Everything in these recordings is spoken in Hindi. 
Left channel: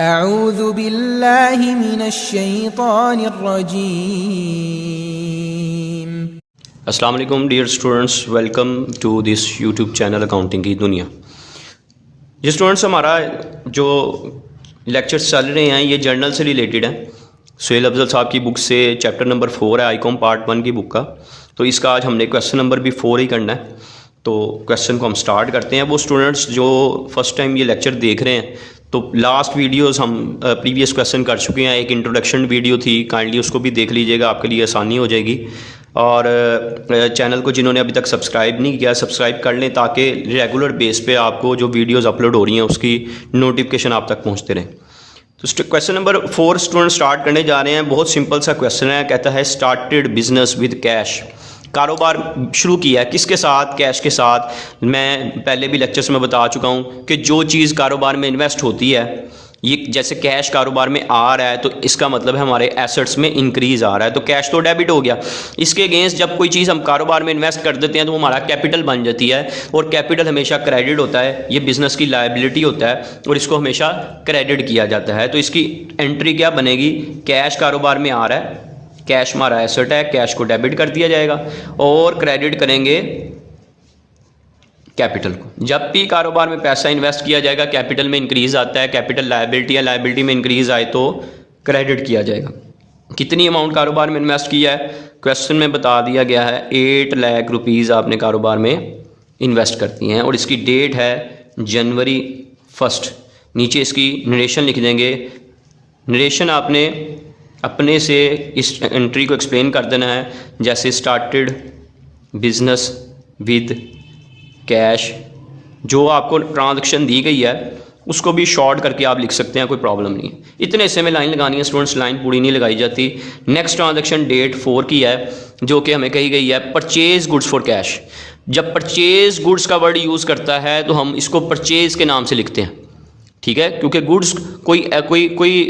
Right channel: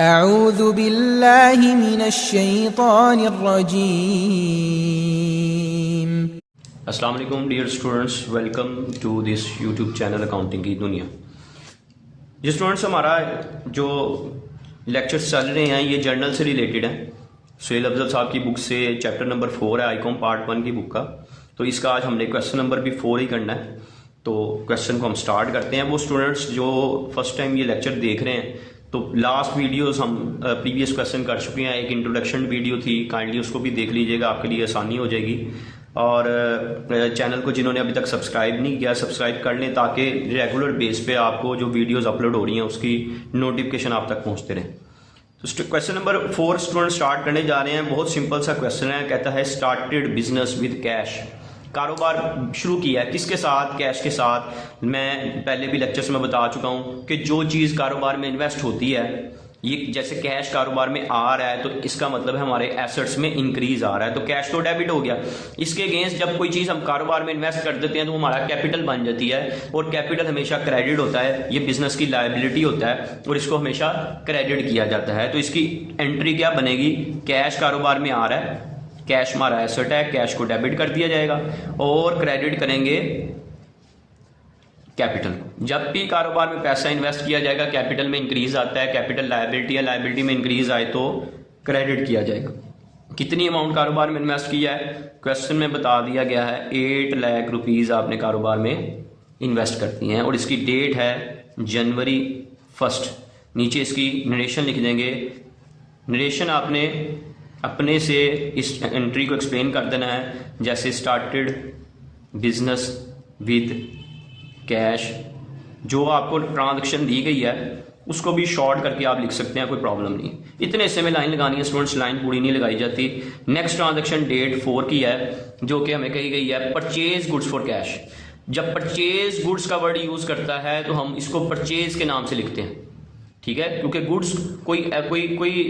अऊज़ु बिल्लाहि मिनश्शैतानिर्रजीम। अस्सलाम वालेकुम dear students, welcome to this YouTube channel accounting की दुनिया। ये स्टूडेंट्स, हमारा जो लेक्चर्स चल रहे हैं ये जर्नल से रिलेटेड है। सुहेल अफजल साहब की बुक से चैप्टर नंबर 4 है, आईकॉम पार्ट 1 की बुक का। तो इसका आज हमने क्वेश्चन नंबर भी 4 ही करना है। तो क्वेश्चन को हम स्टार्ट करते हैं। वो स्टूडेंट्स जो फर्स्ट टाइम ये लेक्चर देख रहे हैं, तो लास्ट वीडियोस हम प्रीवियस क्वेश्चन कर चुके हैं। एक इंट्रोडक्शन वीडियो थी, काइंडली उसको भी देख लीजिएगा, आपके लिए आसानी हो जाएगी। और चैनल को जिन्होंने अभी तक सब्सक्राइब नहीं किया, सब्सक्राइब कर लें ताकि रेगुलर बेस पे आपको जो वीडियोस अपलोड हो रही हैं उसकी नोटिफिकेशन आप तक पहुंचते रहें। तो क्वेश्चन नंबर 4 स्टूडेंट स्टार्ट करने जा रहे हैं। बहुत सिंपल सा क्वेश्चन है। कहता है स्टार्टेड बिजनेस विद कैश। कारोबार शुरू किया है किसके साथ? कैश के साथ। मैं पहले भी लेक्चर्स में बता चुका हूँ कि जो चीज़ कारोबार में इन्वेस्ट होती है, ये जैसे कैश कारोबार में आ रहा है तो इसका मतलब है हमारे एसेट्स में इंक्रीज़ आ रहा है, तो कैश तो डेबिट हो गया। इसके अगेंस्ट जब कोई चीज़ हम कारोबार में इन्वेस्ट कर देते हैं तो वो हमारा कैपिटल बन जाती है, और कैपिटल हमेशा क्रेडिट होता है। ये बिजनेस की लायबिलिटी होता है और इसको हमेशा क्रेडिट किया जाता है। तो इसकी एंट्री क्या बनेगी? कैश कारोबार में आ रहा है, कैश हमारा एसेट है, कैश को डेबिट कर दिया जाएगा और क्रेडिट करेंगे कैपिटल को। जब भी कारोबार में पैसा इन्वेस्ट किया जाएगा कैपिटल में इंक्रीज आता है, कैपिटल लायबिलिटी है, लायबिलिटी में इंक्रीज आए तो क्रेडिट किया जाएगा। कितनी अमाउंट कारोबार में इन्वेस्ट किया है? क्वेश्चन में बता दिया गया है 8 लाख रुपीज़ आपने कारोबार में इन्वेस्ट करती हैं और इसकी डेट है जनवरी 1। नीचे इसकी नरेशन लिख देंगे। नरेशन आपने अपने से इस एंट्री को एक्सप्लेन कर देना है, जैसे स्टार्टेड बिजनेस विद कैश। जो आपको ट्रांजैक्शन दी गई है उसको भी शॉर्ट करके आप लिख सकते हैं, कोई प्रॉब्लम नहीं है। इतने हिस्से में लाइन लगानी है स्टूडेंट्स, लाइन पूरी नहीं लगाई जाती। नेक्स्ट ट्रांजैक्शन डेट 4 की है, जो कि हमें कही गई है परचेज गुड्स फॉर कैश। जब परचेज गुड्स का वर्ड यूज़ करता है तो हम इसको परचेज के नाम से लिखते हैं, ठीक है, क्योंकि गुड्स कोई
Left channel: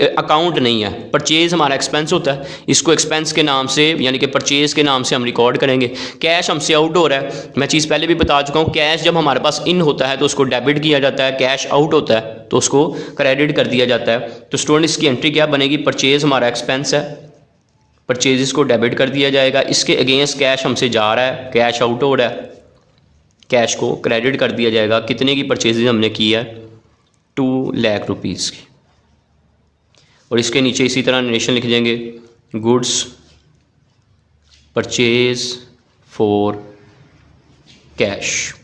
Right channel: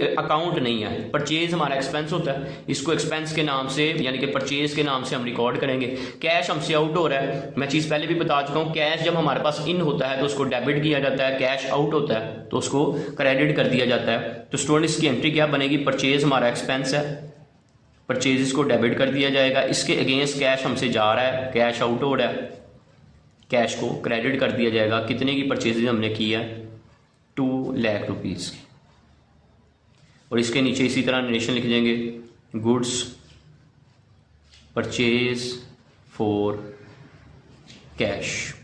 अकाउंट नहीं है। परचेज हमारा एक्सपेंस होता है, इसको एक्सपेंस के नाम से यानी कि परचेज के नाम से हम रिकॉर्ड करेंगे। कैश हमसे आउट हो रहा है, मैं चीज़ पहले भी बता चुका हूँ। कैश जब हमारे पास इन होता है तो उसको डेबिट किया जाता है, कैश आउट होता है तो उसको क्रेडिट कर दिया जाता है। तो स्टूडेंट इसकी एंट्री क्या बनेगी? परचेज हमारा एक्सपेंस है, परचेज को डेबिट कर दिया जाएगा। इसके अगेंस्ट कैश हमसे जा रहा है, कैश आउट हो रहा है, कैश को क्रेडिट कर दिया जाएगा। कितने की परचेज हमने की है? 2 लाख रुपीज़ की। और इसके नीचे इसी तरह नरेशन लिख देंगे, goods purchase for cash.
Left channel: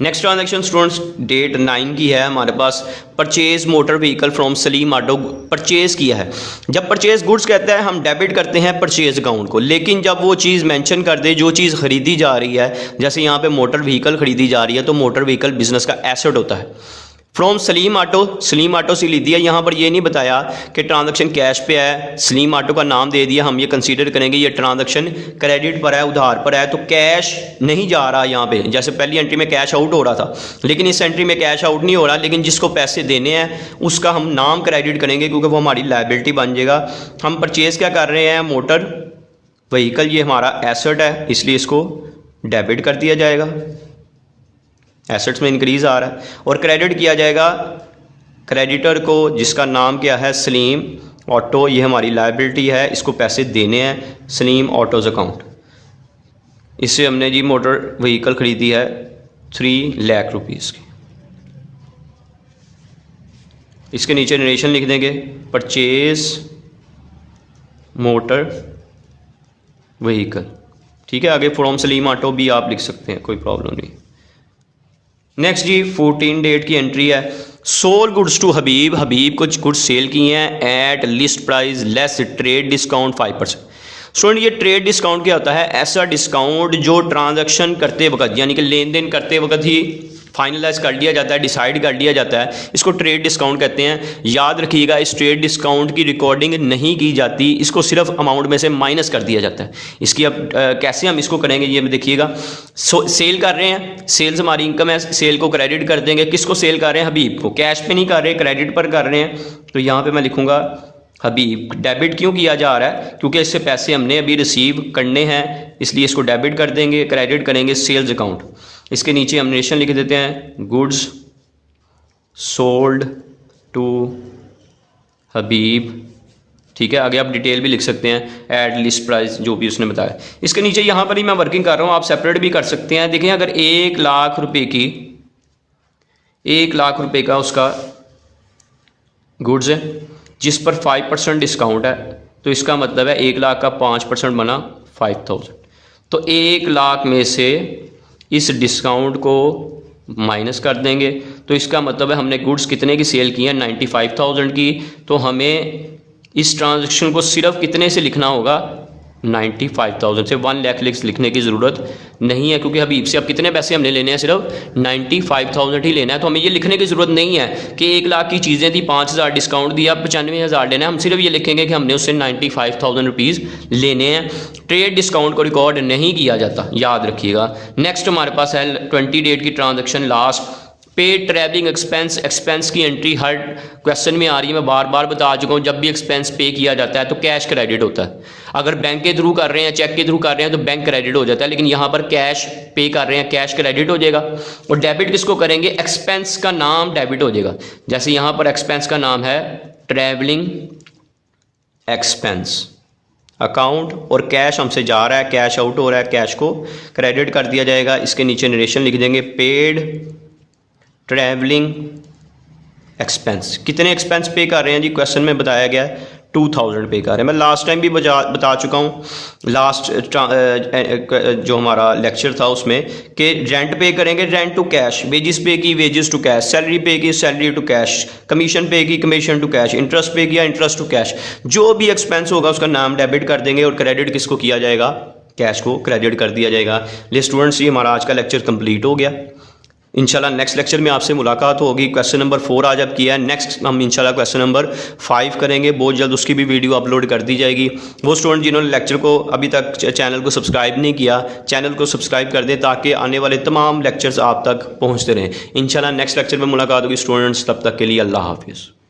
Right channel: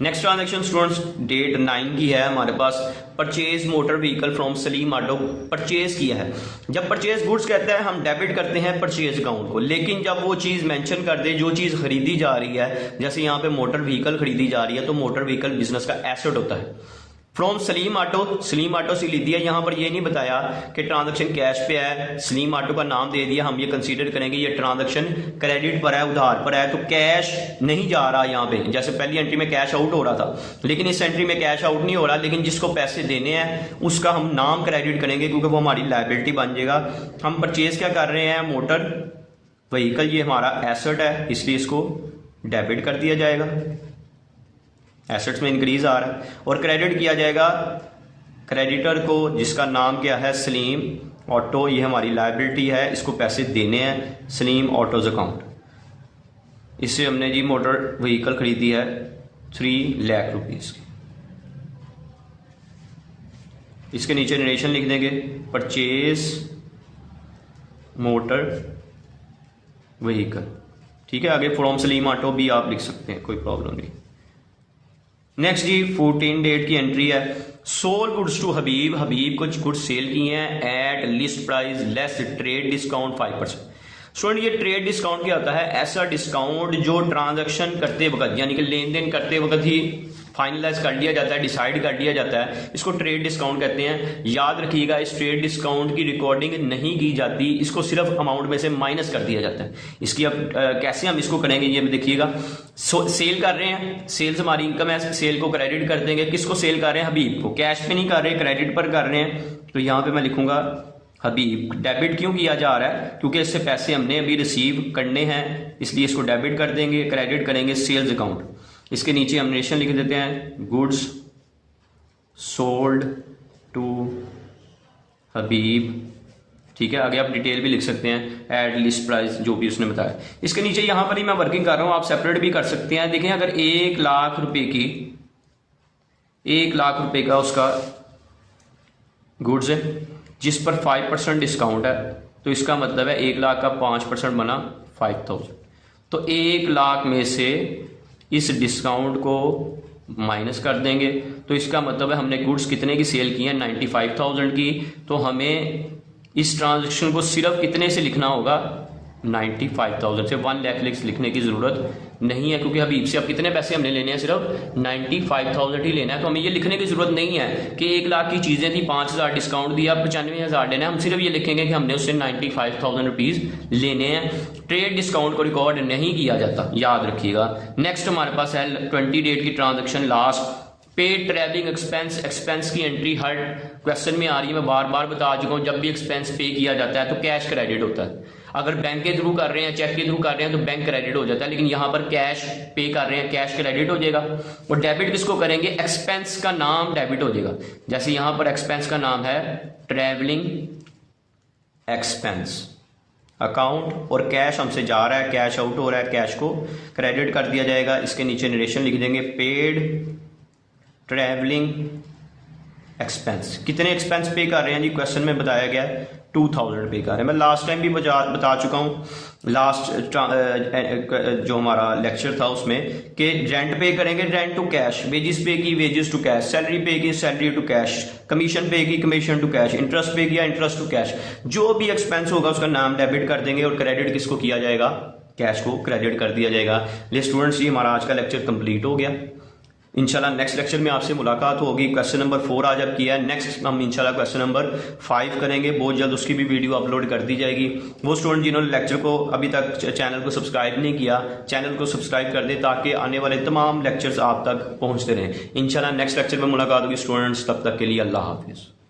Next transaction students date 9 की है हमारे पास। Purchase motor vehicle from Salim auto. Purchase किया है। जब परचेज गुड्स कहता है हम डेबिट करते हैं परचेज अकाउंट को, लेकिन जब वो चीज़ मेंशन कर दे जो चीज़ खरीदी जा रही है, जैसे यहाँ पे मोटर व्हीकल खरीदी जा रही है तो मोटर व्हीकल बिजनेस का एसेट होता है। From Salim auto, Salim auto से ली दिया। यहाँ पर ये नहीं बताया कि ट्रांजैक्शन कैश पे है, सलीम ऑटो का नाम दे दिया। हम ये कंसीडर करेंगे ये ट्रांजैक्शन क्रेडिट पर है, उधार पर है, तो कैश नहीं जा रहा यहाँ पे। जैसे पहली एंट्री में कैश आउट हो रहा था, लेकिन इस एंट्री में कैश आउट नहीं हो रहा, लेकिन जिसको पैसे देने हैं उसका हम नाम क्रेडिट करेंगे क्योंकि वो हमारी लायबिलिटी बन जाएगा। हम परचेज क्या कर रहे हैं? मोटर व्हीकल, ये हमारा एसेट है इसलिए इसको डेबिट कर दिया जाएगा, एसेट्स में इंक्रीज आ रहा है। और क्रेडिट किया जाएगा क्रेडिटर को, जिसका नाम क्या है? सलीम ऑटो। ये हमारी लायबिलिटी है, इसको पैसे देने हैं सलीम ऑटोज अकाउंट। इससे हमने जी मोटर व्हीकल खरीदी है 3 लाख रुपीज़ की। इसके नीचे नरेशन लिख देंगे, परचेज मोटर व्हीकल, ठीक है। आगे फ्रॉम सलीम ऑटो भी आप लिख सकते हैं, कोई प्रॉब्लम नहीं। नेक्स्ट जी 14 डेट की एंट्री है। सोल गुड्स टू हबीब। हबीब कुछ गुड्स सेल किए हैं at least price less trade discount 5%। Student ये ट्रेड डिस्काउंट क्या होता है? ऐसा डिस्काउंट जो ट्रांजैक्शन करते वक्त यानी कि लेन देन करते वक्त ही फाइनलाइज कर लिया जाता है, डिसाइड कर लिया जाता है, इसको ट्रेड डिस्काउंट कहते हैं। याद रखिएगा इस ट्रेड डिस्काउंट की रिकॉर्डिंग नहीं की जाती, इसको सिर्फ अमाउंट में से माइनस कर दिया जाता है। इसकी अब कैसे हम इसको करेंगे ये देखिएगा। सेल कर रहे हैं, सेल्स हमारी इनकम है, सेल को क्रेडिट कर देंगे। किसको सेल कर रहे हैं? हबीब को। कैश पे नहीं कर रहे, क्रेडिट पर कर रहे हैं, तो यहाँ पर मैं लिखूँगा हबीब। डेबिट क्यों किया जा रहा है? क्योंकि इससे पैसे हमने अभी रिसीव करने हैं, इसलिए इसको डेबिट कर देंगे, क्रेडिट करेंगे सेल्स अकाउंट। इसके नीचे हम नरेशन लिख देते हैं, गुड्स सोल्ड टू हबीब, ठीक है। आगे आप डिटेल भी लिख सकते हैं, एड लिस्ट प्राइस जो भी उसने बताया। इसके नीचे यहाँ पर ही मैं वर्किंग कर रहा हूँ, आप सेपरेट भी कर सकते हैं। देखिए अगर 1 लाख रुपए की 1 लाख रुपए का उसका गुड्स है जिस पर 5% डिस्काउंट है, तो इसका मतलब है 1 लाख का 5% बना 5000। तो 1 लाख में से इस डिस्काउंट को माइनस कर देंगे, तो इसका मतलब है हमने गुड्स कितने की सेल की है, 95,000 की। तो हमें इस ट्रांजैक्शन को सिर्फ कितने से लिखना होगा, 95,000 से। 1 लाख लिखने की ज़रूरत नहीं है, क्योंकि हबीब से अब कितने पैसे हमने लेने हैं, सिर्फ 95,000 ही लेना है। तो हमें ये लिखने की ज़रूरत नहीं है कि 1 लाख की चीज़ें थी, 5,000 डिस्काउंट दिया, 95,000 लेना है। हम सिर्फ ये लिखेंगे कि हमने उससे 95,000 रुपीज़ लेने हैं। ट्रेड डिस्काउंट को रिकॉर्ड नहीं किया जाता, याद रखिएगा। नेक्स्ट हमारे पास है 20 डेट की transaction last. Paid travelling expense की एंट्री हर क्वेश्चन में आ रही है, मैं बार बार बता चुका हूँ। जब भी एक्सपेंस पे किया जाता है तो कैश क्रेडिट होता है। अगर बैंक के थ्रू कर रहे हैं, चेक के थ्रू कर रहे हैं, तो बैंक क्रेडिट हो जाता है, लेकिन यहाँ पर कैश पे कर रहे हैं, कैश क्रेडिट हो जाएगा। और डेबिट किसको करेंगे, एक्सपेंस का नाम डेबिट हो जाएगा। जैसे यहाँ पर एक्सपेंस का नाम है ट्रैवलिंग एक्सपेंस अकाउंट, और कैश हमसे जा रहा है, कैश आउट हो रहा है, कैश को क्रेडिट कर दिया जाएगा। इसके नीचे नरेशन लिख देंगे, पेड ट्रैवलिंग एक्सपेंस। कितने एक्सपेंस पे कर रहे हैं जी, क्वेश्चन में बताया गया है 2000 पे कर रहे हैं। मैं लास्ट टाइम भी बता चुका हूँ, लास्ट जो हमारा लेक्चर था उसमें, कि रेंट पे करेंगे, रेंट टू कैश, वेजिस पे की वेजिस टू कैश, सैलरी पे की सैलरी टू कैश, कमीशन पे की कमीशन टू कैश, इंटरेस्ट पे किया इंटरेस्ट टू कैश। जो भी एक्सपेंस होगा उसका नाम डेबिट कर देंगे, और क्रेडिट किसको किया जाएगा, कैश को क्रेडिट कर दिया जाएगा। ले स्टूडेंट्स, ये हमारा आज का लेक्चर कंप्लीट हो गया। इंशाल्लाह नेक्स्ट लेक्चर में आपसे मुलाकात होगी। क्वेश्चन नंबर 4 आज अब किया है, नेक्स्ट हम इंशाल्लाह क्वेश्चन नंबर 5 करेंगे बहुत जल्द, उसकी भी वीडियो अपलोड कर दी जाएगी। वो स्टूडेंट जिन्होंने लेक्चर को अभी तक चैनल को सब्सक्राइब नहीं किया, चैनल को सब्सक्राइब कर दें ताकि आने वाले तमाम लेक्चर्स आप तक पहुँचते रहें। इंशाल्लाह नेक्स्ट लेक्चर में मुलाकात होगी स्टूडेंट्स, तब तक के लिए अल्लाह हाफिज़।